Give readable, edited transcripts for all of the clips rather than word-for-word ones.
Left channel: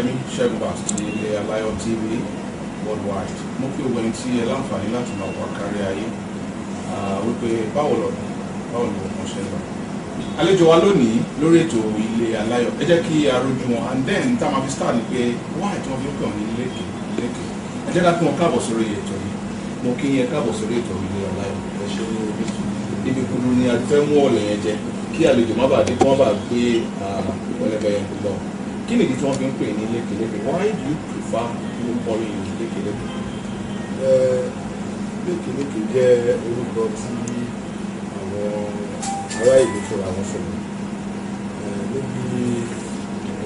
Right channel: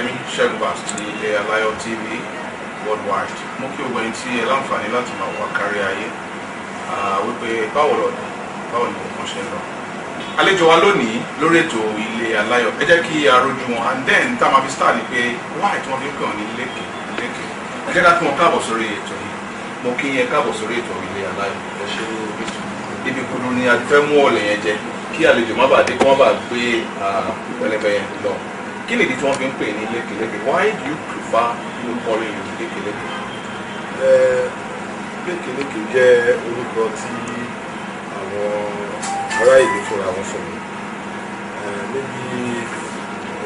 Ọpẹ́yẹmí Ṣẹ́gun Bass ti ilé Aláyọ̀ TV worldwide. Mo kí gbogbo ẹni tí ẹ láǹfààní láti máa wà kárí ayé wípé báwo ni nǹkan ṣe ń lọ. Àlejò wa lónìí lórí ètò ilé Aláyọ̀, ẹ jẹ́ kí a rojú wọn, and then tá a máa fi start ni pé why tí wọ́n fi ń pè wọ́n ní lékè. Ẹ jẹ́ ká kí wọn káàbọ̀ sórí ètò yìí. Mo kí yẹn káàbọ̀ sórí ètò ilé Aláyọ̀. Ẹ ṣe ní orí ètò. Ibi kudu ni a ti fẹ́ mú ọ̀lẹ̀ yẹn jẹ kí àlejò má bàa dé kí wọ́n bá gbé pẹlẹbẹ yẹn lọ. Kí nìdí tí wọ́n fi ń pè ní lékeleke? Why do you prefer people calling you lékeleke? Lékeleke jẹ́ orúkọ tí àwọn ará ìlú fúnra wọn fún mi níbi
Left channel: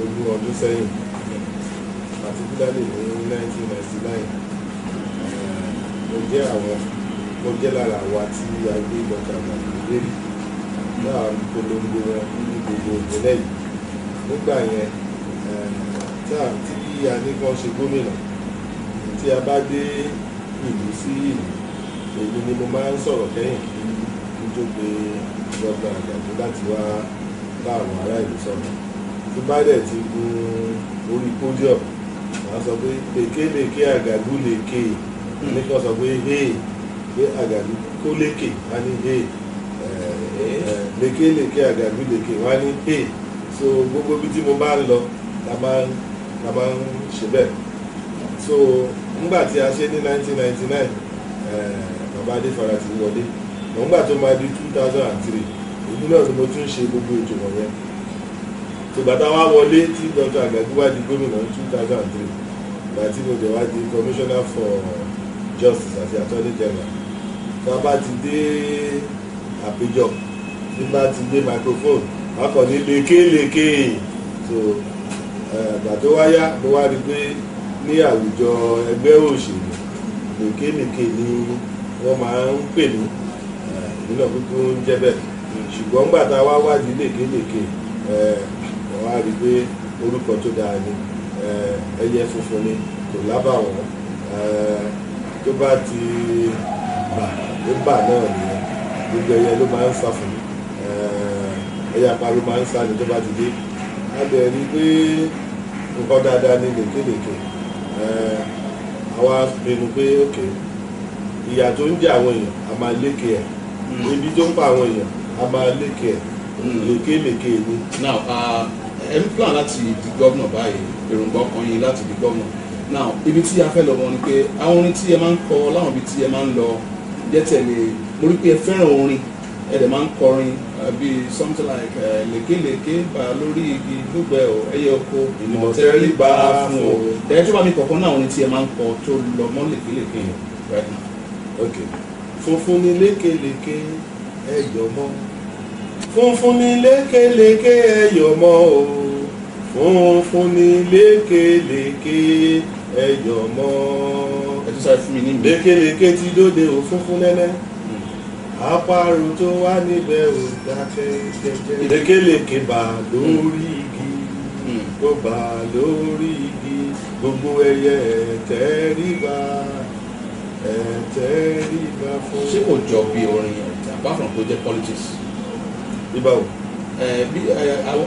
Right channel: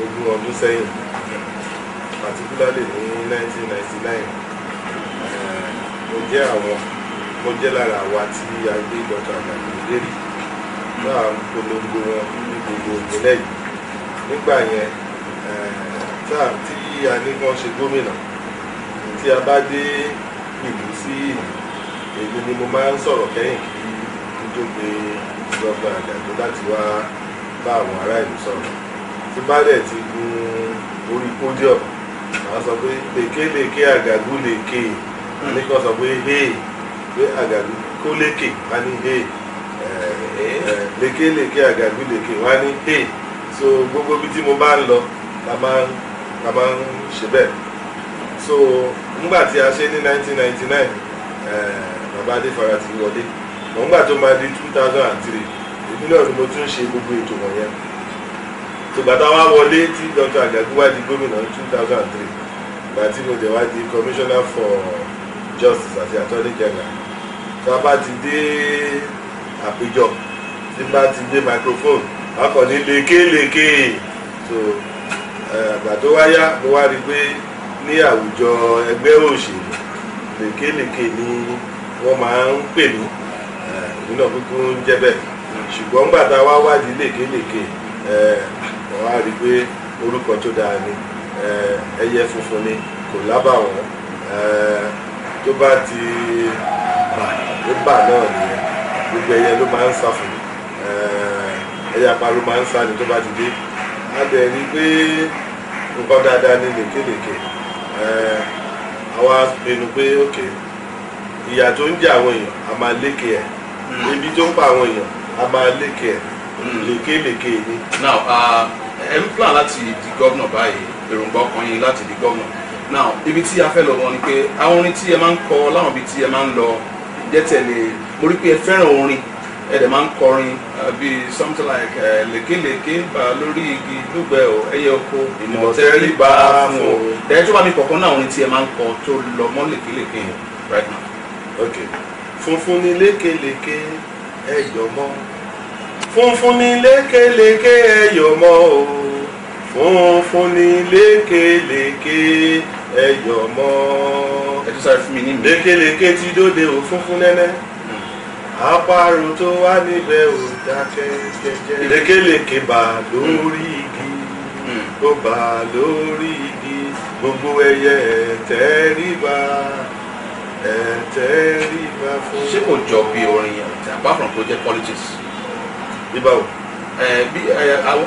20 ọdún sẹ́yìn, particularly ní 1999. Mo jẹ́ lára àwa tí a gbé Dr. Àjàgbé lérí náà ń polongo wọn ní gbogbo ìpínlẹ̀ yìí. Nígbà yẹn tí a ní kán ṣe gómìnà, tí a bá dé ìlú sí ìlú, èmi ni mo máa ń sọ̀rọ̀ kẹ́yìn kí n tó pe Dr. Àjàgbé láti wá bá àwọn ará ìlú sọ̀rọ̀. Tí bá dẹ̀ ti gun orí podium, màá sọ pé lékeleke Àgàgú lékè, ní kán sọ pé hey, pé Àgàgú kó lékè wá ní hey, lékeleke Àgàgú lékè wá ní hey. So gbogbo bí tí mo bá ń lọ la máa ń ṣe bẹ́ẹ̀. So nígbà tí a ṣe ní 1999, bàbá Adéfara ti wọlé. Nígbà tó máa di 2003, èmi náà ni mo tún ṣe gbogbo ètò wọ̀nyẹn. So bàtà wá wọlé tí Dr. Àgàgú wá di gómìnà ní 2003, ìgbà tí mo dẹ̀ wá di commissioner for justice àti attorney general. So a bá ti dé àpéjọ, tí bá ti dé microphone, a kàn ní lékeleke. So àgbà tó wáyá mo wá rí pé ní àwùjọ ẹgbẹ́ òṣèlú lékeleke ni wọ́n máa ń pè mí, èmi náà kúkú ń jẹ́ bẹ́ẹ̀. Ṣùgbọ́n nígbà tá a wá wádìí lékeleke, wọ́n wá rí pé orúkọ tó dáa ni, ẹyẹ funfun ni, kò lábàwọ́n, tó bá ti bà náà nìyẹn, gbogbo ẹyẹ ló máa ń sá fún mi, ẹyẹ àparò máa ń sá ni tó bá ti dé. A dẹ̀ rí pé nǹkan dáadáa ní lékeleke. Àwa pinnu pé ok, ìyà tó ń jẹ àwọn èèyàn a máa lékè ẹ̀, ebi tó ń pa àwọn èèyàn a máa lékè ẹ̀, lékeleke ni. Now ẹ ń plan láti di gómìnà báyìí, èròǹgbà ọkàn yín láti di gómìnà. Now ibi tí a fẹ́ lọ wọn ni pé àwọn orin tí ẹ máa ń kọ láwọn ibi tí ẹ máa ń lọ jẹ́ tẹ̀lé, mo rí pé ẹ fẹ́ràn orin, ẹ dẹ̀ máa ń kọrin bíi something like lékeleke bá lórí igi lóbẹ̀ o, ẹyẹ oko ìmọ̀tẹ́rì bá fún o. Ẹ tó bá mi kọ̀ọ̀kan náà orin tí ẹ máa ń kọ tó lọ mọ́ lékeleke right now. Ok, funfun ni lékeleke ẹyọ mọ́, funfun ni lékeleke ẹyọ mọ́ o, funfun ni lékeleke ẹyọ mọ́. Ẹ tó sáré fún mi ní mi. Lékeleke ti dóde o funfun nẹ́nẹ́, àparò tó wà níbẹ̀ ò dákẹ́ jẹ́jẹ́. Lékeleke bà lórí igi, ó bà lórí igi, gbogbo ẹyẹ ẹ̀tẹ́ríba fún. Ṣé kò jọ bí orin yẹn apart from project politics? Bíbáwò. Bí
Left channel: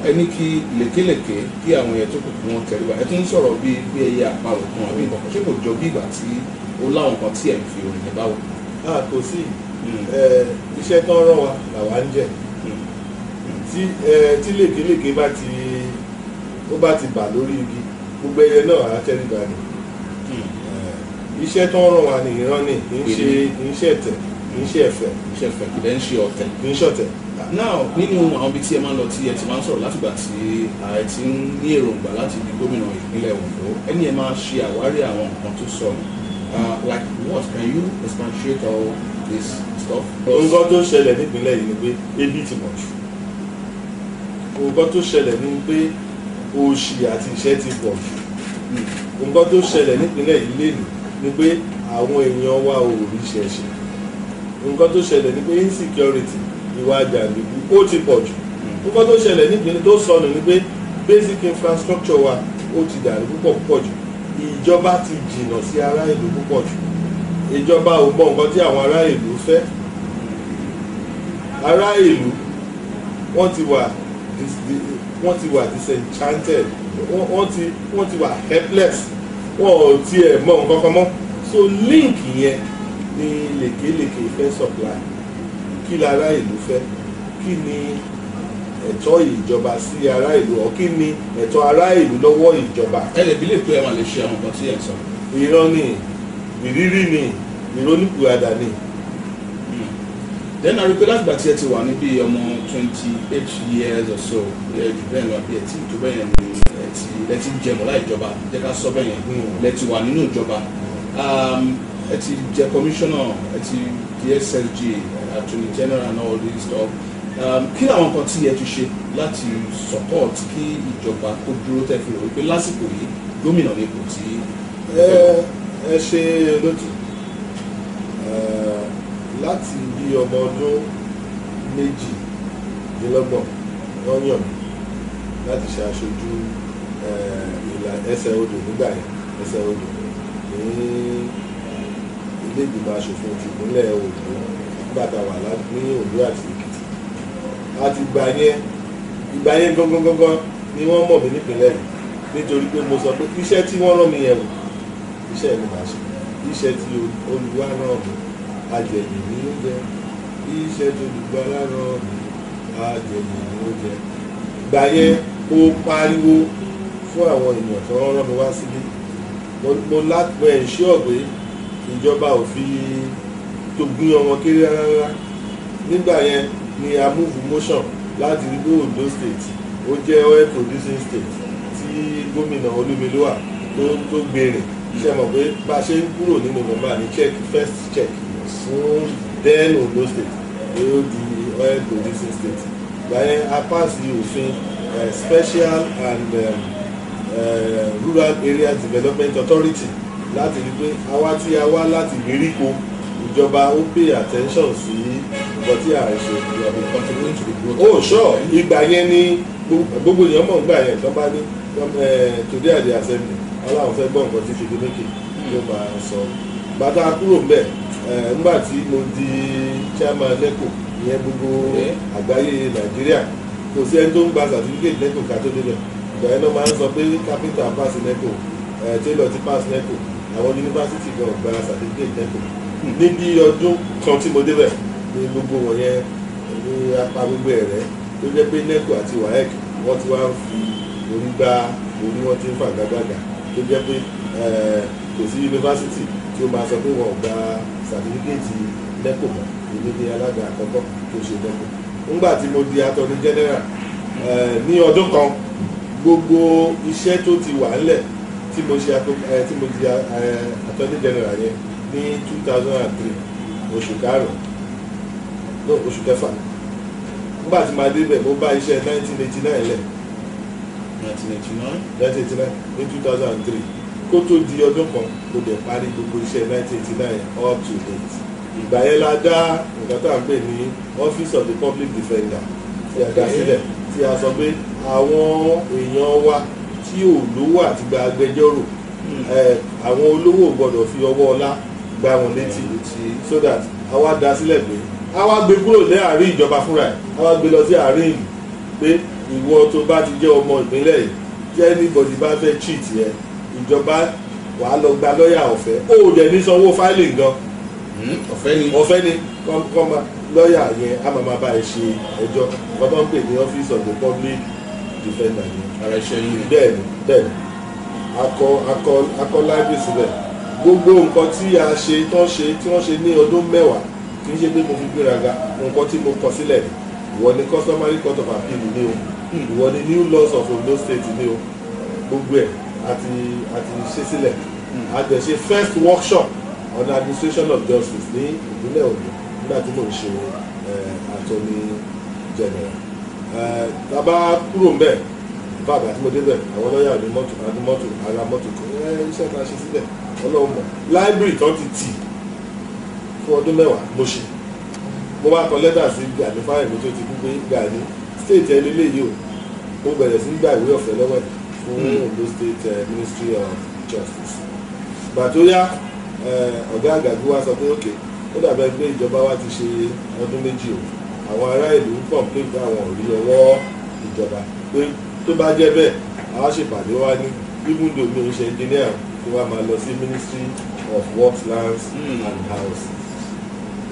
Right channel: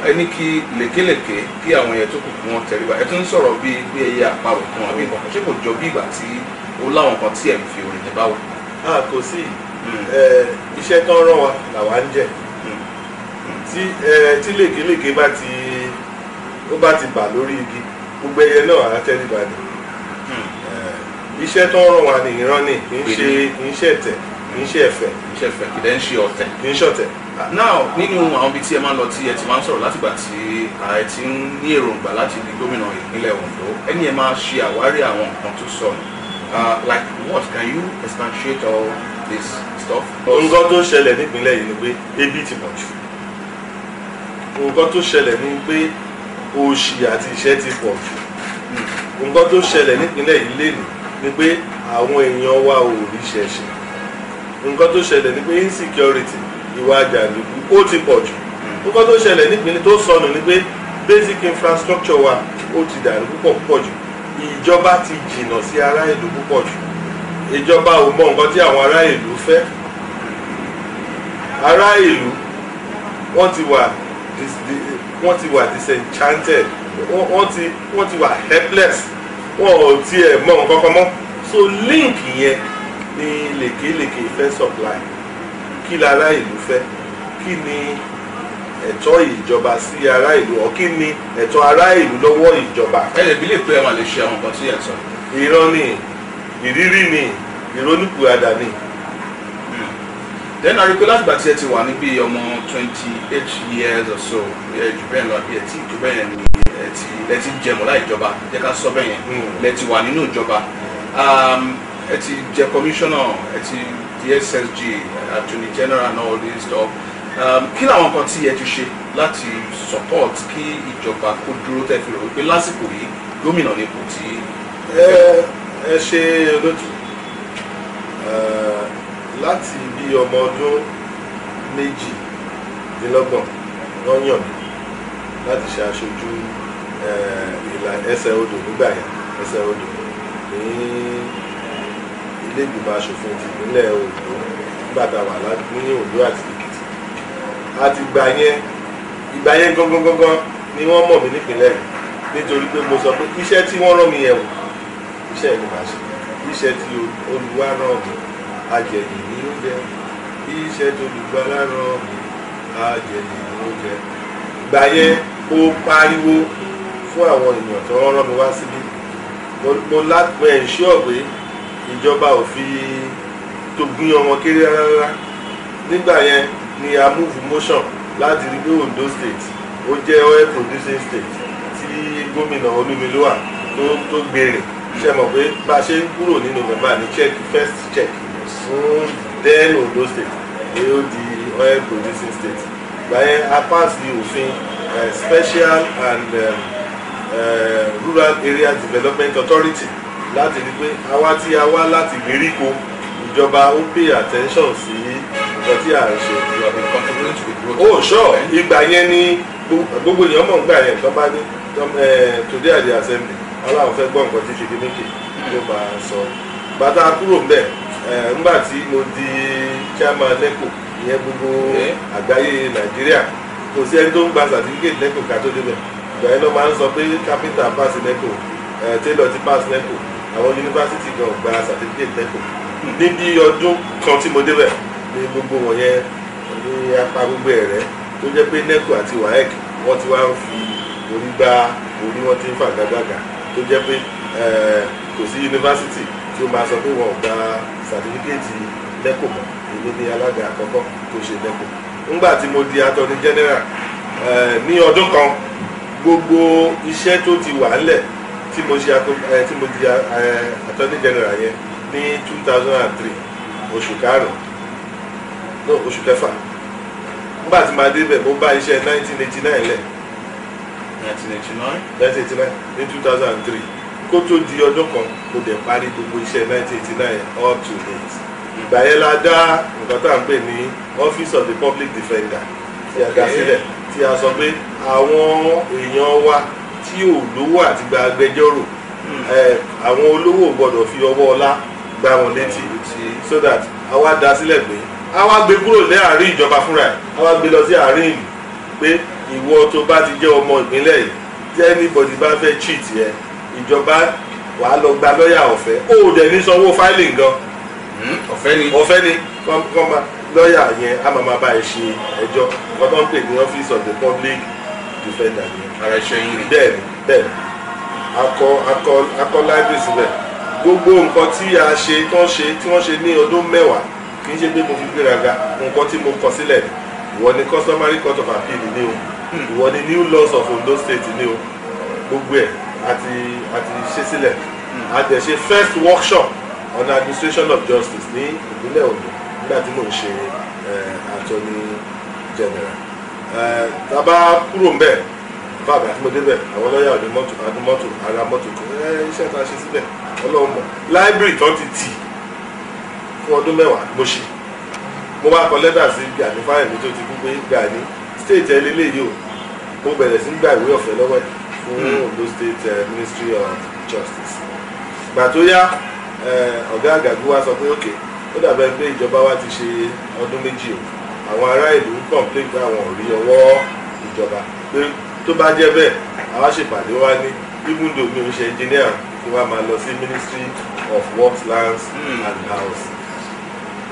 ẹni kí lékeleke kí àwọn ẹyẹ tó kù kí wọ́n tẹríba, ẹ tún ń sọ̀rọ̀ bí ẹyẹ àparò kan àbí nǹkan, ṣé kò jọ bí ìgbà tí ó láwọn kan tí ẹ̀ ń fi orin yẹn báwò? Kò sí iṣẹ́ tán rán wa làwa ń jẹ. Tí lékeleke bá ti bà lórí igi, gbogbo ẹyẹ náà á tẹríba ni. Iṣẹ́ tán rán wa ní ìran ni, kì í ṣe ẹ̀tẹ̀, kì í ṣe ẹ̀fẹ̀. Kì í dẹ́ ń ṣe ọ̀tẹ̀. Kì í ṣọ̀tẹ̀. Now nínú àwọn ibi tí ẹ máa ń lọ tí ẹ ti máa ń sọ̀rọ̀ látìgbà tí ẹ ti ń ní èròǹgbà láti di gómìnà ìpínlẹ̀ Ondo, ẹni ẹ máa ṣe àwárí àwọn nǹkan tó sọnù. Like what? Can you substantiate all this stuff? Nǹkan tó ṣẹlẹ̀ nípínlẹ̀ yìí ni pé ebi ti pọ̀ jù. Nǹkan tó ṣẹlẹ̀ ni pé òṣì àti ìṣẹ́ ti pọ̀ jù. Nǹkan tó ṣẹlẹ̀ nípínlẹ̀ yìí lénìí ni pé àwọn èèyàn wa ò rí ṣẹ̀ṣẹ̀. Nǹkan tó ṣẹlẹ̀ ni pé insecurity, ìwà jàǹdùkú ó ti pọ̀ jù. Nǹkan tó ṣẹlẹ̀ nípínlẹ̀ tó sọnù ni pé basic infrastructure wa ó ti dàrú púpọ̀ jù. Ìjọba ti jìnnà sí ará ìlú púpọ̀ jù. Ìjọba ò mọ nǹkan tí àwọn ará ìlú fẹ́. Ará ìlú wọ́n ti wà disenchanted wọ́n ti wà helpless, wọn ò tiẹ̀ mọ nǹkan kan mọ́. So link yẹn ni lèkèlèkè fẹ́ supply. Kí lára ìlú fẹ́, kí ni ẹ̀tọ́ ìjọba sí ará ìlú, ọ̀ kí ni ẹ̀tọ́ ará ìlú lọ́wọ́ ìjọba. ẹ̀rẹ̀ bí lè pé ẹ̀ wà lè ṣe àwọn nǹkan tí ẹ̀ sọ. Irọ́ ni, ìrírí ni, ìrònúpìwàdà ni. Then àríkó láti gbà tí ẹ ti wà níbi ọmọ 28 years or so ẹ jù bẹ́ẹ̀ lọ àbí ẹ tí ìjọba yẹn ni ẹ ti jẹmọ́ láì jọba jẹ́ ká sọ bẹ́ẹ̀ yẹn lẹ ti wà nínú ìjọba ẹ ti jẹ commissioner ẹ ti di SSG attorney general and all this stuff kí làwọn nǹkan tí ẹ ti ṣe láti support kí ìjọba kó dúró tẹ́ fi rò wípé lásìkò yìí gómìnà ní ipò tí ẹ ṣe olóòtú láti bí ọmọ ọdún 22 wọ́n yàn mí láti ṣe aṣojú ìlà ẹsẹ̀ odò nígbà yẹn ẹsẹ̀ odò ní ilé ìgbìmọ̀ aṣòfin ti ìpínlẹ̀ Oǹdó nígbà tá a wà ní Oǹdó àti Èkìtì. àti ìgbà yẹn gangan ni wọ́n mọ̀ mí nípìnlẹ̀ yìí nítorí pé mo sọ pé iṣẹ́ tí wọ́n rán mi yẹn wò iṣẹ́ yìí ni màá ṣe iṣẹ́ tí Olúwa rán mi ajẹ̀yìn ni ó jẹ́ iṣẹ́ tó Olùgbàlà rán mi ajẹ̀yìn ni ó jẹ́. Ìgbà yẹn mo pariwo fún àwọn èèyàn tó rán mi wá síbí mo ensure pé ìjọba ò fi tó gbìyàn wọn kéré rárá. Nígbà yẹn ni a move motion láti rí pé Ondo state ó jẹ́ oil producing state tí gómìnà Olúmilúwà tó gbèrè ṣe mọ̀ pé bá a ṣe ń kúrò nínú mẹ́mbà ní first check fún then Ondo state ni ó di oil producing state. Ìgbà yẹn a pass òfin special and rural area development authority láti rí pé àwa tí a wá láti ìgbèríko ìjọba ó pay attention sí nǹkan tí a ń ṣe. you have been contributing to the growth. Oh sure, ìgbà yẹn ni gbogbo èèyàn mọ̀ nígbà yẹn tó bá ní today at the assembly aláwọ̀ fẹ́ gbọ́ nǹkan tí Ṣèyí ló máa sọ. Bàtà kúrò ńbẹ̀ ńgbà tí mo di chairman NECO ìyẹn gbogbo àgbáyé Nàìjíríà kò sí ẹni tó ń gba certificate NECO ká tó débẹ̀. Ìgbà yẹn ló máa ń sọ pé carpenter pass NECO tailor ti pass NECO àwọn yunifásitì kan gba certificate NECO. Níbi ọdún kan tí mo débẹ̀ ní gbogbo wọ̀nyẹn ní apá gbogbo ẹ̀rẹ́ tó jẹ́ pé NECO àti WAEC wọ́n ti wá ń fi orí gbá orí wọn ti ń fà gágágà tó jẹ́ pé kò sí yunifásitì tí ó máa sọ pé wọn ò gba sàtífíkẹ́ẹ̀tì NECO mọ́. Èmi ni alága àkọ́kọ́ tó ṣe NECO. Nígbà tí mo di attorney general ní ọdún kan gbogbo iṣẹ́ tó ti wà ńlẹ̀ tí mo di attorney general yẹn ní 2003 oṣù karùn-ún oṣù kẹfà. Nígbà tí màá débẹ̀ mo bá iṣẹ́ 1989 lẹ̀ 1989 ní 2003 kó tó di ọdún kan mo dẹ̀ parí gbogbo iṣẹ́ 1989 up to date. Ìgbà yẹn la dá nǹkan tá à ń pè ní Office of the Public Defender tí a dá sílẹ̀ tí a sọ pé àwọn èèyàn wa tí ò lówó àti gba agbẹjọ́rò àwọn olówó gbọ́dọ̀ fi ọwọ́ ọlá gbá wọn létí so that àwa dá sílẹ̀ pé àwa gbé kúrò ní àárín ìjọba fúnra ẹ̀ àwa gbé lọ sí àárín ìlú pé ìwọ tó bá ti jẹ́ ọmọ ìpínlẹ̀ yìí tí anybody bá fẹ́ cheat yẹn ìjọba wàá lọ gba lọ́ọ̀yà ọ̀fẹ́ ó dẹ̀ ní sanwó filing gan ọ̀fẹ́ ni kọ́má lọ́ọ̀yà yẹn á máa bá ẹ ṣe ẹjọ́ wọ́n tó ń pè ní Office of the Public Defender yẹn. ara iṣẹ́ yín ni. bẹ́ẹ̀ni akọ library síbẹ̀ gbogbo nǹkan tí a ṣe tí wọ́n ṣe ní ọdún mẹ́wàá kì í ṣe pé mo fi gbéraga nǹkan tí mo kọ sílẹ̀ ni ìwọ ni Customary Court of Appeal ni o ìwọ ni New Laws of Ondo State ni o gbogbo ẹ̀ àti ṣe sílẹ̀ a dẹ̀ ṣe first workshop on administration of justice ní ìpínlẹ̀ Ondo nígbà tí mò ń ṣe attorney general. Tàbá kúrò ń bẹ̀ bàbá tí mo débẹ̀ àwọn lọ́ọ̀yà àdúmọ́tò ara mọ́tò iṣẹ́ tá a ṣe síbẹ̀ Ọlọ́run mọ̀ library tó ti tì fún ọdún mẹ́wàá mo ṣe mo wá kọ lẹ́tà sí Gani Fáyẹ̀mí tó ti kú pé Gani state ẹ̀ lélẹ́yìí o mo bẹ̀rẹ̀ sí gba ìwé ọ̀fẹ́ lọ́wọ́ ẹ̀ fún Ondo State Ministry of Justice. Ìgbà tó yá ọ̀gá àgàgù wa sọ pé okay ó dàbẹ̀ pé ìjọba wa ti ṣe ọdún méjì o àwọn ará ìlú ń complain pé àwọn ò rí ọwọ́ ìjọba pé tó bá jẹ́ bẹ́ẹ̀ a àwa ṣèpàdé wá ní even though mi ò ṣe engineer kí wọ́n máa lọ sí Ministry of Works, Lands and House.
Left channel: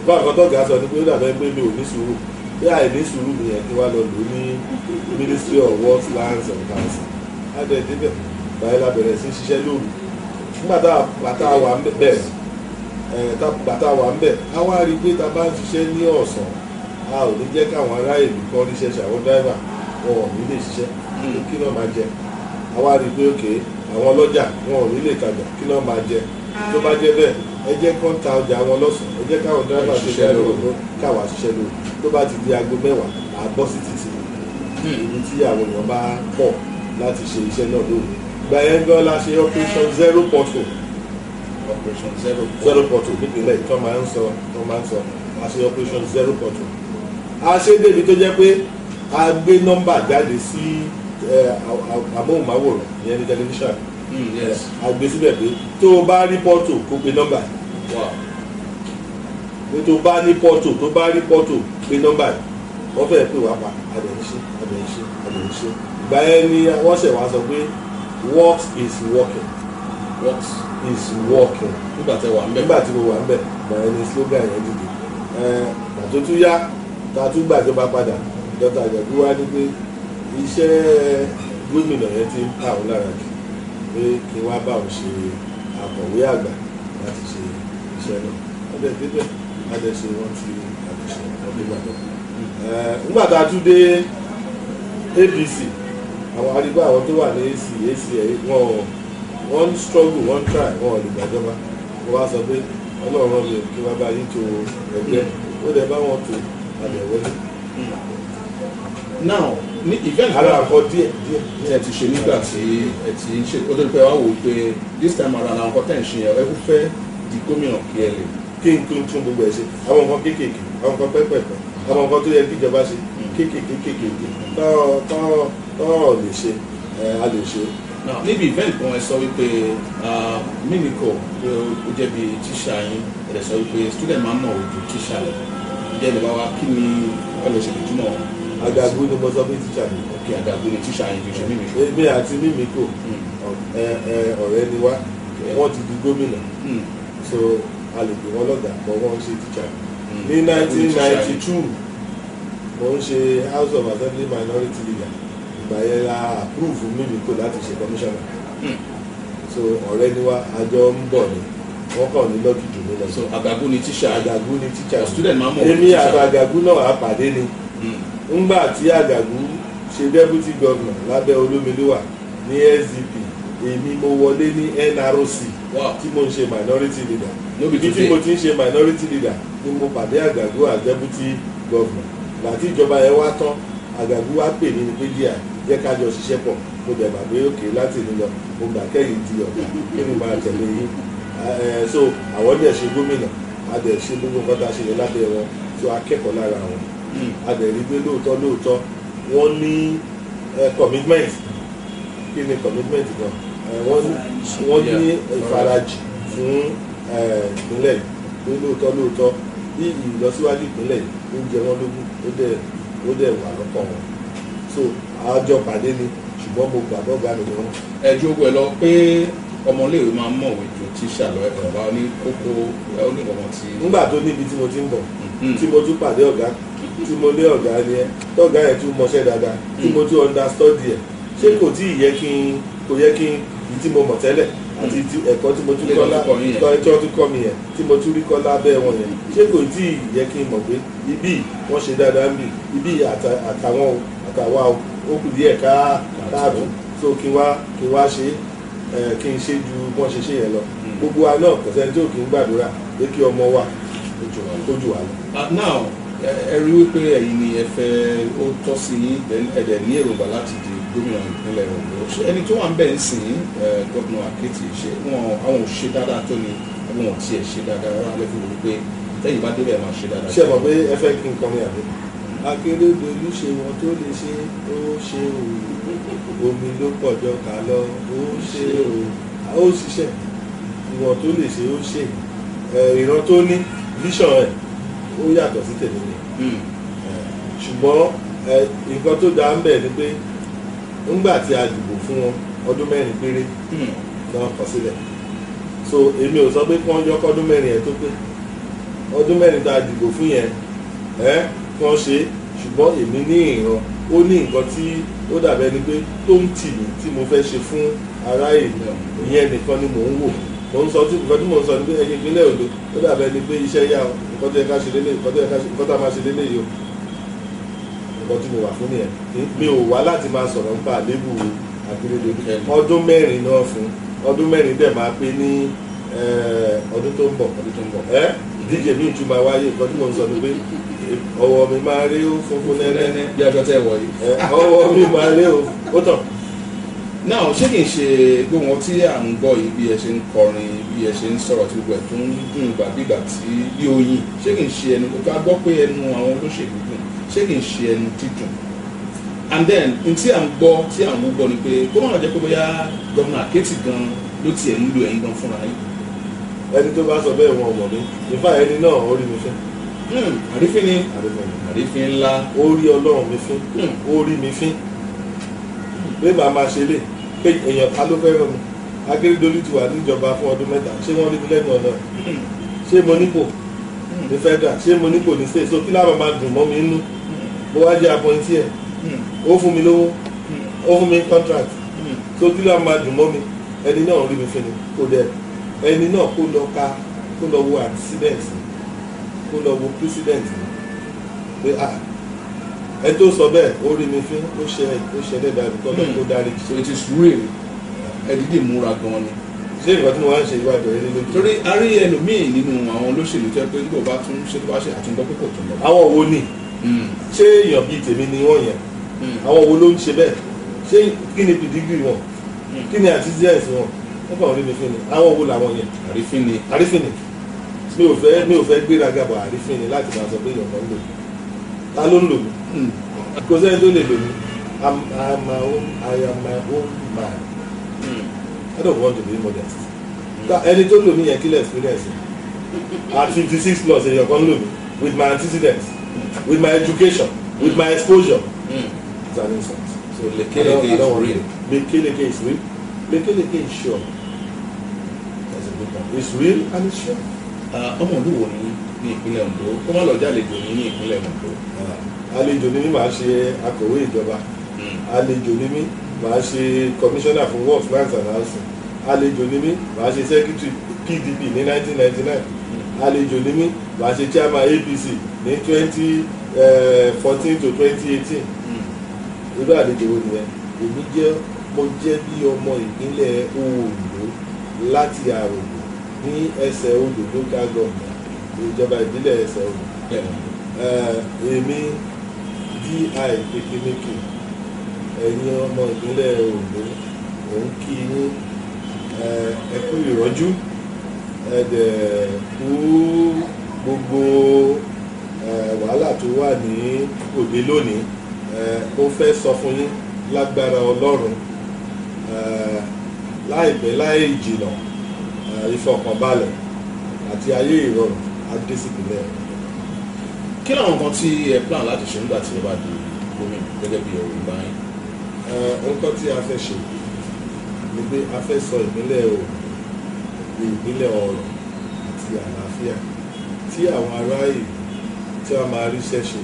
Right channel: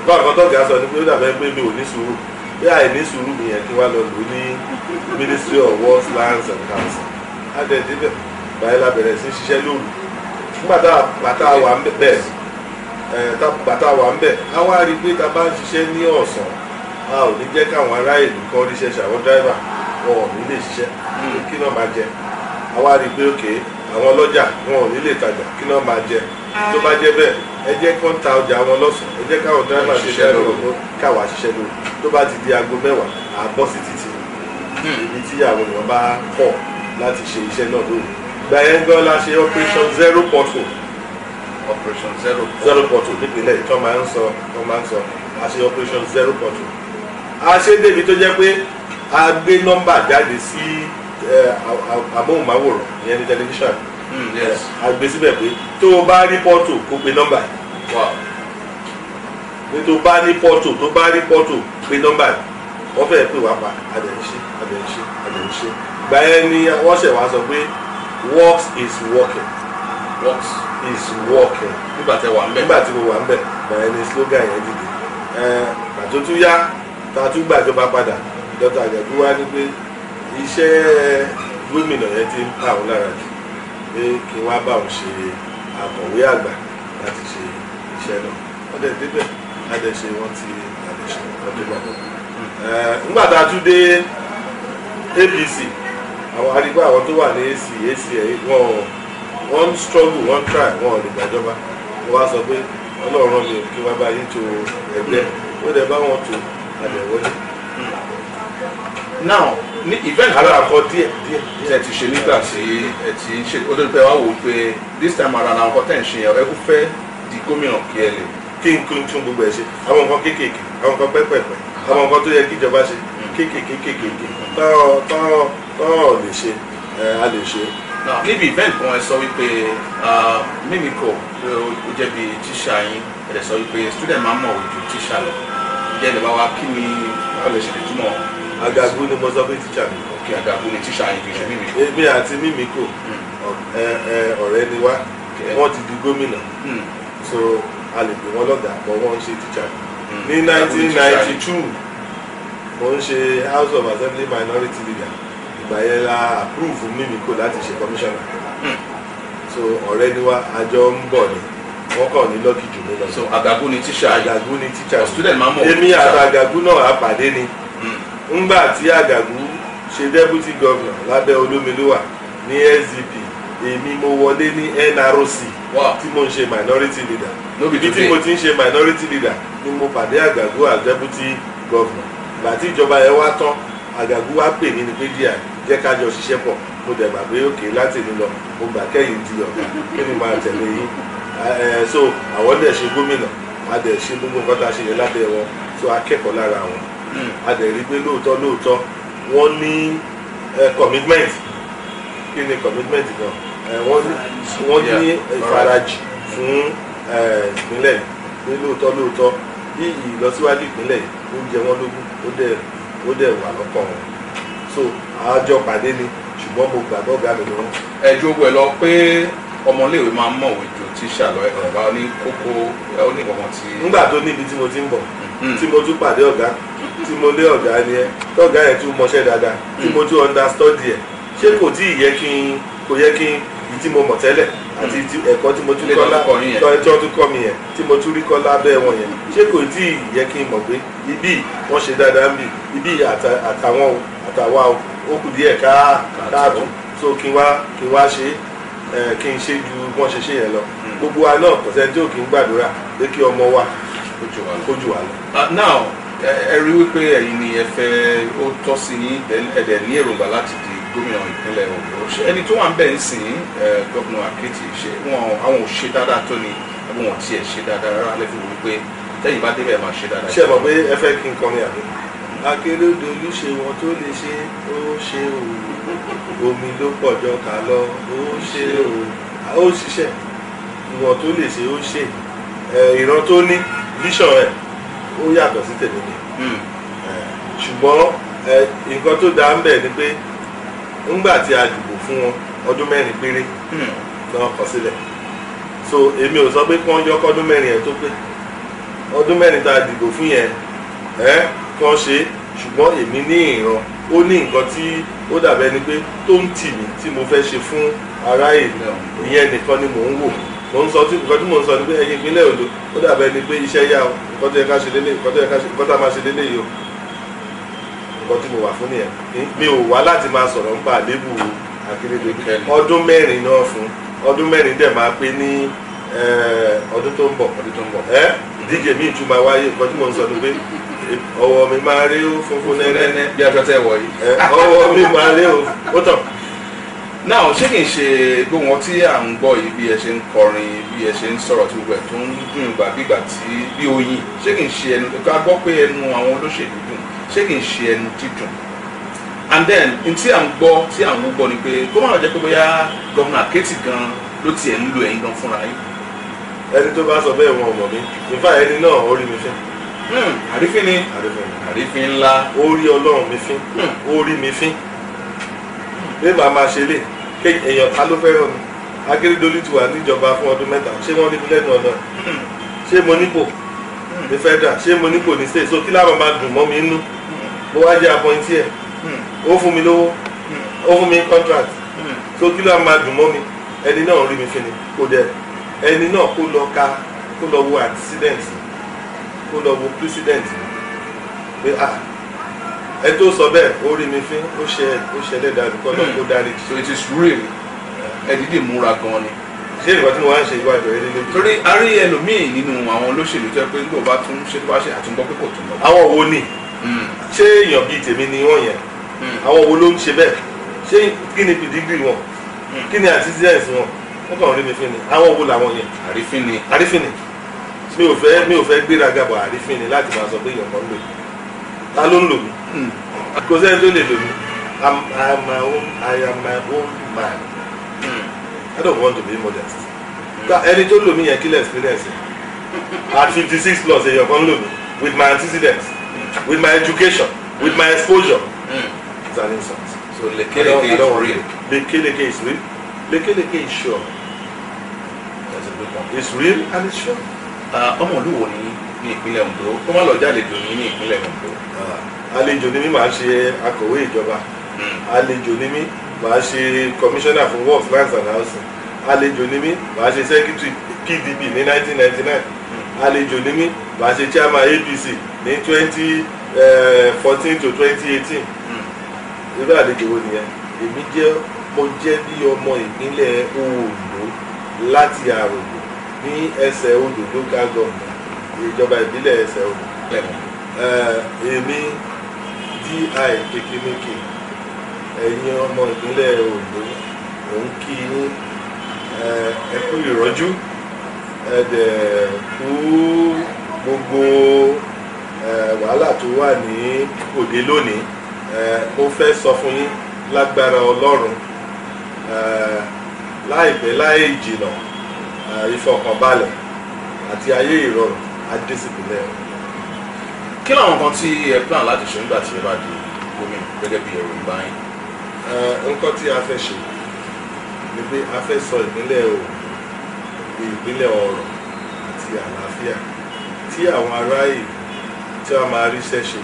nǹkan àkọ́tọ́ ọ̀gá sọ ni pé ó dàbẹ́ pé mi ò ní sùúrù bí àìní sùúrù mi yẹn kí wọ́n lọ lò ní Ministry of Works, Lands and House. adé débẹ̀ báyìí la bẹ̀rẹ̀ sí ṣiṣẹ́ lóru nígbà tá a wà ń bẹ̀ bàtà wà ń bẹ̀ a wá rí i pé tá a bá ń ṣiṣẹ́ ní ọ̀sán a ò ní jẹ́ káwọn ará ìlú kan ríṣẹ́ ṣàwọn dráìvà wọn ò ní lè ṣiṣẹ́ kí náà máa jẹ a wá rí i pé òkè àwọn ọlọ́jà wọn ò ní lè tajà kí náà máa jẹ tó bá jẹ́ bẹ́ẹ̀ ẹ jẹ́ kí wọ́n ta ọjà wọn lọ́sàn ẹ jẹ́ káwọn dráìvà ṣiṣẹ́ lóru káwa ṣiṣẹ́ lóru tó bá ti di aago 10 à bọ́ sí títì ibi tí àwọn èèyàn bá pọ̀ láti ṣe iṣẹ́ náà lóru gba ẹ̀ ń gbọ́ la ṣe operation zero pothole nípìnlẹ̀ tó máa ń sọ a ṣe operation zero pothole a ṣe débi tó jẹ́ pé a gbé nọ́mbà jáde sí amóhùnmáwòrán ìyẹn ní tẹlifíṣàn a gbé síbẹ̀ pé tó o bá rí pothole kó pe nọ́mbà pé tó o bá ní pothole pé nọ́mbà wọ́n fẹ́ pè wá pa adẹ̀ǹṣe ìgbà yẹn ni wọ́n ṣẹ̀ wá sọ pé works is working. nígbà tí mo wà ń bẹ̀ ìgbà yẹn ni slogan yẹn dìde àtò tún yá tá a tún gbàjọba padà Dr. Àjàgbé wá ní pé iṣẹ́ gómìnà yẹn ti ń pa òun lára jù pé kí wọ́n bá òun ṣe akọ̀wé àgbà láti ṣe iṣẹ́ náà wọ́n dẹ̀ débẹ̀ adẹ̀ṣe wọ́n ti adẹ̀ṣe wọ́n dé gbàgbọ́. nígbà tá a tún dé APC àwọn arígbó àwọn tó wà ní AC wọ́n struggle wọ́n try wọ́n ò lè gbàjọba wọ́n wá sọ pé Ọlọ́run mi kí wọ́n bá yín tó ẹgbẹ́ wọ́n dẹ̀ bá wọn tó àdẹ̀wọlé. now ní event alákọ̀ díẹ̀ tẹ̀ ti ṣe nígbà tí ẹ ti ń ṣe ó tó pẹ́ wá wò ó pé this time around àwọn nǹkan tẹ̀ ń ṣe yẹn ẹ kú fẹ́ di gómìnà kí ẹ lè. kí n tún gbogbo ẹ ṣe àwọn nǹkan kéékèèké àwọn nǹkan pẹ́pẹ́pẹ́ àwọn nǹkan tó yẹ kí ìjọba ṣe kéékèèké tọ́ lè ṣe a lè ṣe. níbi event kan ẹ sọ wípé Mimiko pé ó jẹ́ bí tíṣà yín ẹ sọ wípé student máa ń mọ̀wé ju tíṣà lọ ìjẹ́ ìdìbò wa kí ni ọ lè ṣe lè túmọ̀. Àgàgù ni mo sọ pé tíṣà mi. ok Àgàgù ni tíṣà yín kì í ṣe Mimiko. èmi àti Mimiko ọ̀rẹ́ ni wá wọ́n ti di gómìnà so a lè pè wọ́n lọ́gàá bọ́ wọ́n ń ṣe tíṣà ní 1992 mo ń ṣe House of Assembly Minority Leader ìgbà yẹn la approve Mimiko láti ṣe commissioner so ọ̀rẹ́ ni wá àjọ ń bọ̀ ni wọ́n kàn ní lọ́kì jù mí lọ. so Àgàgù ni tíṣà. Àgàgù ni tíṣà. student máa ń mọ̀ èmi àti Àgàgù náà àpàdé ni ńgbà tí Àgàgù ṣe deputy governor lábẹ́ Olómilúwà ní SDP èmi mo wọlé ní NRC tí mo ń ṣe minority leader ibi tí mo ti ń ṣe minority leader ni mo pàdé Àgàgù as deputy governor ìgbà tí ìjọba yẹn wá tán Àgàgù wá pè mí ní pé díẹ̀ jẹ́ ká jọ ṣiṣẹ́ pọ̀ mo dẹ̀ gbà pé òkè láti ní lọ mo gbà kẹ́yìn di ọ̀gá kí ni máa tẹ̀lé yín so àwọn dẹ̀ ṣe gómìnà a dẹ̀ ṣe gbogbo nǹkan tá a ṣe yẹn lábẹ́ wọn so akẹ́kọ̀ọ́ lára wọn a dẹ̀ rí pé lóòótọ́ wọ́n ní commitment kí ni commitment gan wọ́n ní ìfarajì fún ìpínlẹ̀ pé lóòótọ́ bí ìlọsíwájú ìpínlẹ̀ ó jẹ wọ́n lógún ó dẹ̀ wà lọ́kàn wọn so àjọ pàdé ni ṣùgbọ́n mo gbàgbọ́ ọ̀gá mi ni wọ́n. ẹ jogbo ẹ lọ pé ọmọléèwé máa ń mọ̀wé ju tíṣà lọ ẹ̀kọ́ bá ní kókó onígbọ̀ngàn tí. nígbà tó níbi tí mo ti ń bọ̀ tí mo tún pàdé ọ̀gá tí mo lé ọ̀gá ni ẹ tọ́gá yẹn tún mọṣẹ́ dáadáa tí mo tún understudy ẹ̀ ṣé kò tí ì yẹ kí ìyí tí mo mọ̀ tẹ́lẹ̀ àti ẹ̀kọ́ tí mo tún kọ́ tí wọ́n tún kọ́ mi yẹn tí mo tún rí kọ́ lábẹ́ wọn yẹn ṣé kò tí ì yẹ kí n mọ̀ pé ibí wọ́n ṣe dáadáa ń bì ibí àtàwa ó kù díẹ̀ káàtó so kí n wá ṣe kí n ṣe ju wọ́n ṣe yẹn lọ gbogbo wa náà kò sẹ́ni tí ò kí ń gbàdúrà pé kí ọmọ wa kójú wa lọ. now ẹ rí wípé ẹ̀yin ni ẹ fẹ́ ó tọ́ sí ní ẹ̀dẹ̀ ní èròǹgbà láti di gómìnà ìpínlẹ̀ Ondo ẹni tó wà ń bẹ̀ ń sìn gómìnà Akétì ṣe àwọn ò ṣe dáadáa tó ni ẹbí wọn tiẹ̀ ṣe dáadáa rárá lẹ́fún mi wípé tẹ́yìn bá débẹ̀ máa ṣe dáadáa. ṣé ẹ mọ̀ pé ẹ fẹ́ kí n kọrin àbí. Akérédolú ṣe wọn tó lè ṣe ó ṣe o omi ló pọ̀jọ kà lọ ó ṣe o ó ṣiṣẹ́ ìwọ̀n tó lè ṣe ó ṣe ìran tó ní vision ẹ̀ ó yàtọ̀ sí tèmi ni ṣùgbọ́n nǹkan tó dáa ń bẹ̀ ni pé ńgbà tí a dìbò fún wọn ọdún 4 péré náà kọ sílẹ̀ so èmi ò sọ pé kí wọ́n yọ kọ́dún 4 yẹn tó pé ọdún 4 tá a dìbò fún yẹn kí wọ́n ṣe ṣùgbọ́n èmi ní ìran ó ní nǹkan tí ó dàbẹ́ ni pé tó ń tì mí tí mo fẹ́ ṣe fún ará ìlú ìyẹn nìkan ni mò ń wò mo ń sọ tí nǹkan tí mò ń sọ ni pé ẹ̀yin ìpínlẹ̀ Ondo ó dàbẹ́ ni pé iṣẹ́ yá o nǹkan tó yẹ ká ṣe lélẹ̀ nǹkan tó yẹ ká ṣe nǹkan tá a máa ṣe lélẹ̀ yìí o nǹkan tí mo wà fún nìyẹn mi ò wá láti máa sọ̀rọ̀ nípa àlébù Akérédolú ọdún 4 náà fún ọdún 4 dẹ̀ máa pé ní ọdún tó ń bọ̀ ìdíje mi tún máa wáyé nǹkan tí mo ń sọ ni pé ọwọ́ mi máa rí ó funfun nẹ́nẹ́ bí aṣọ tẹ́ wọ̀ yìí ọwọ́ mi máa rí ó tàn. náà ṣé kìí ṣe gbogbo wọn tí à ń gbọ́ yìí bí ẹ ṣe ń kọrin bí ẹ ṣe ń sọ̀rọ̀ tí gbogbo ẹ̀ tó ń dùn ìgbà bígbà tí bí oyin ṣé kìí ṣe ẹnu ká gbọ́ pé ẹnu àwọn olóṣèlú dùn ṣé kìí ṣe ẹnu dídùn and then n tí à ń gbọ́ tí à ń gbọ́ ni pé kó má lọ jẹ́ pé bóyá gómìnà Akétì gan ló tiẹ̀ ń lo ẹ̀yin gan fúnra yín. ẹni tó bá sọ bẹ́ẹ̀ wọn ò mọ̀ mí ìfà ẹni náà ó rí mi fín. àrífín ni àrífín ńlá. ó rí Ọlọ́run mi fín ó rí mi fín bí màá máa ṣe lè èèyàn ká ló fẹ́ràn mi Akérédolú ti wà níjọba fún ọdún 7 ṣé wọ́n rí mi lẹ́nu ọ̀nà ṣé mo nípò ní federal ṣé mo nípò ní state so kí láwọn máa dùn mọ́ mi nínú mo wá jẹ́ appointee ẹ̀ ó fún mi lówó ó fún mi contract so kí láwọn máa dùn mọ́ mi ẹni náà rí mi fín ni kò dẹ̀ ẹni náà kó lọ wo antecedent kó lọ wo president pé ẹ tó sọ bẹ́ẹ̀ ó rí mi fín ó ṣẹlẹ̀ dàbí kọ́ lọ́kó dárí. so it is real ẹ dídì múra gan ni. ṣé ìgbà tí mo wá ń ṣe ìwádìí rẹ lélẹ́bí. torí a rí ẹlòmíì nínú àwọn olóṣèlú tó yẹ pé nígbà bá tún ṣe tó bá ṣe àtúngbọ́ pé kò tún lọ. àwọn wo ni ṣé èèyàn bíi tèmi ni wọ́n yẹn àwọn wo ló ń ṣe bẹ́ẹ̀ ṣé kí ni pìdígírì wọn kí ni antecedents wọn wọ́n kàn rí mi fín ni àwọn wo làwọn yẹn. àrífín ni mi ò fẹ́ gbéraga bọ̀ àrífín ni láti máa sọ pé èèyàn kan lò mí ta ló ń lò mí kò sẹ́ni tó lè lò mí I am my own man I don't want to be modest ẹni tó lò mí yẹn kí lè experience at 56 plus èèyàn kan lò mí with my antecedents with my education with my exposure it's an insult. So lekeleke is real. Lekeleke is real. Lekeleke is sure. That's a good one. It's real and it's sure. ọmọ olúwo ní ìpínlẹ̀ Ondo kó má lọ jálejò ní ìpínlẹ̀ Ondo. Àlejò ni mí màá ṣe akọ̀wé ìjọba àlejò ni mí màá ṣe commissioner for works lands and housing àlejò ni mí màá ṣe secretary PDP ní 1999 àlejò ni mí màá ṣe chairman APC ní 2014 to 2018 irú àlejò wo nìyẹn èmi mo jẹ́ bí ọmọ ìpínlẹ̀ Ondo láti Àrògbò ní Ẹsẹ̀ Odò local government ìjọba ìbílẹ̀ Ẹsẹ̀ Odò èmi DI Kékéméké ẹ̀yin ọmọ ìpínlẹ̀ Ondo òun kí yín ẹ kú ìrọ́jú ẹ̀dẹ̀ kú gbogbo wàhálà tó wà ní òde lónìí mo fẹ́ sọ fún yín lágbára Ọlọ́run láìpẹ́ láì jìnà ìfọkànbalẹ̀ àti ayé ìrọ̀rùn adésìpínlẹ̀ Ondo. kí làwọn kan tí ẹ plan láti ṣe nígbà tí ẹ bá di gómìnà gẹ́gẹ́ bí ẹ̀rọ ìgbà yín. nǹkan tí a fẹ́ ṣe ni pé a fẹ́ sọ ìpínlẹ̀ Ondo di ìpínlẹ̀ ọrọ̀ àti àlàáfíà tí àwọn ará ìlú tí wọ́n máa ríṣẹ́ ṣe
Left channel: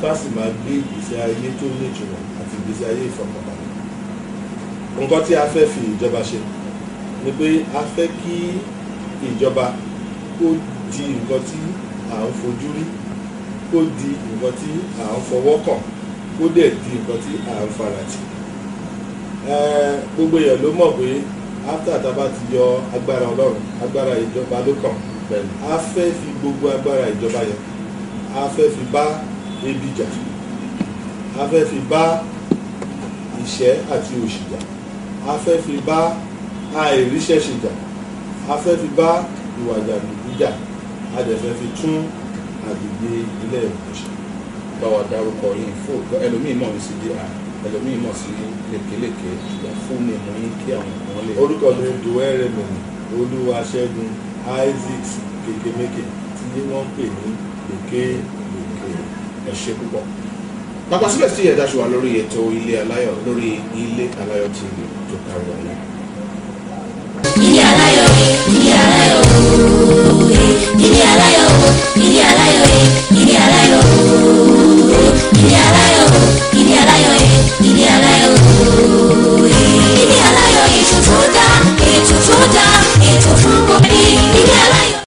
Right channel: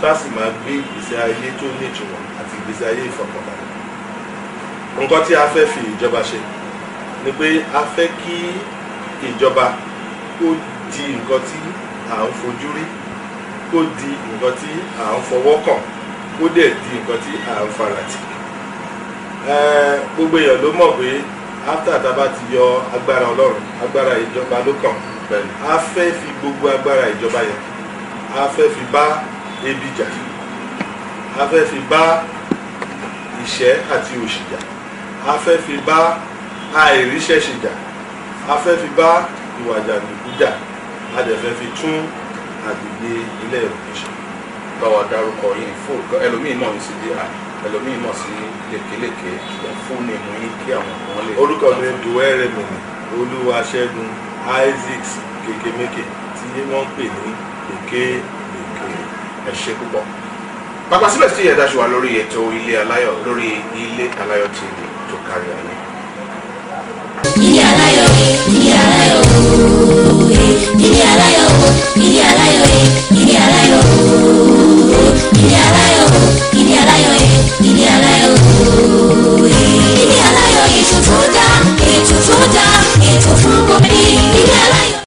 tá sì máa gbé ìgbésí ayé tó nítumọ̀ àti ìgbésí ayé ìfọkànbalẹ̀. nǹkan tí a fẹ́ fi ìjọba ṣe ni pé a fẹ́ kí ìjọba kó di nǹkan tí à ń fojú rí kó di nǹkan tí à ń fọwọ́ kàn kó dẹ̀ di nǹkan tí à ń faratì. gbogbo èèyàn ló mọ̀ pé after tá a bá ti yọ agbára Ọlọ́run agbára ìjọba ló kàn a fẹ́ fi gbogbo agbára ìjọba yẹn a fẹ́ fi bá ebi jà a fẹ́ fi bá ìṣẹ́ àti òṣì jà a fẹ́ fi bá àìríṣẹ́ṣe jà a fẹ́ fi bá ìwà jàǹdùkú jà a dẹ̀ fẹ́ fi tún agbègbè ilẹ̀ Ondo ṣe. báwa dárúkọ yín fún ẹlòmíì mọ̀ ní sí DI ẹlòmíì mọ̀ sí lékeleke fún ní ìmú yín kí àwọn kan lè. orúkọ mi Dùwẹ́rẹ̀mí Olúwaṣẹ́gun Isaac Kékéméké tí wọ́n ń pè ní Lékeleke. ẹ ṣé púpọ̀. pàpà síbẹ̀ sí ẹ̀dá ṣùgbọ́n lórí ètò Ilé Aláyọ̀ lórí Ilé Aláyọ̀ TV tó kárí ayé. Ilé Aláyọ̀, Ilé Aláyọ̀, Ilé Aláyọ̀, Ilé Aláyọ̀, Ilé Aláyọ̀.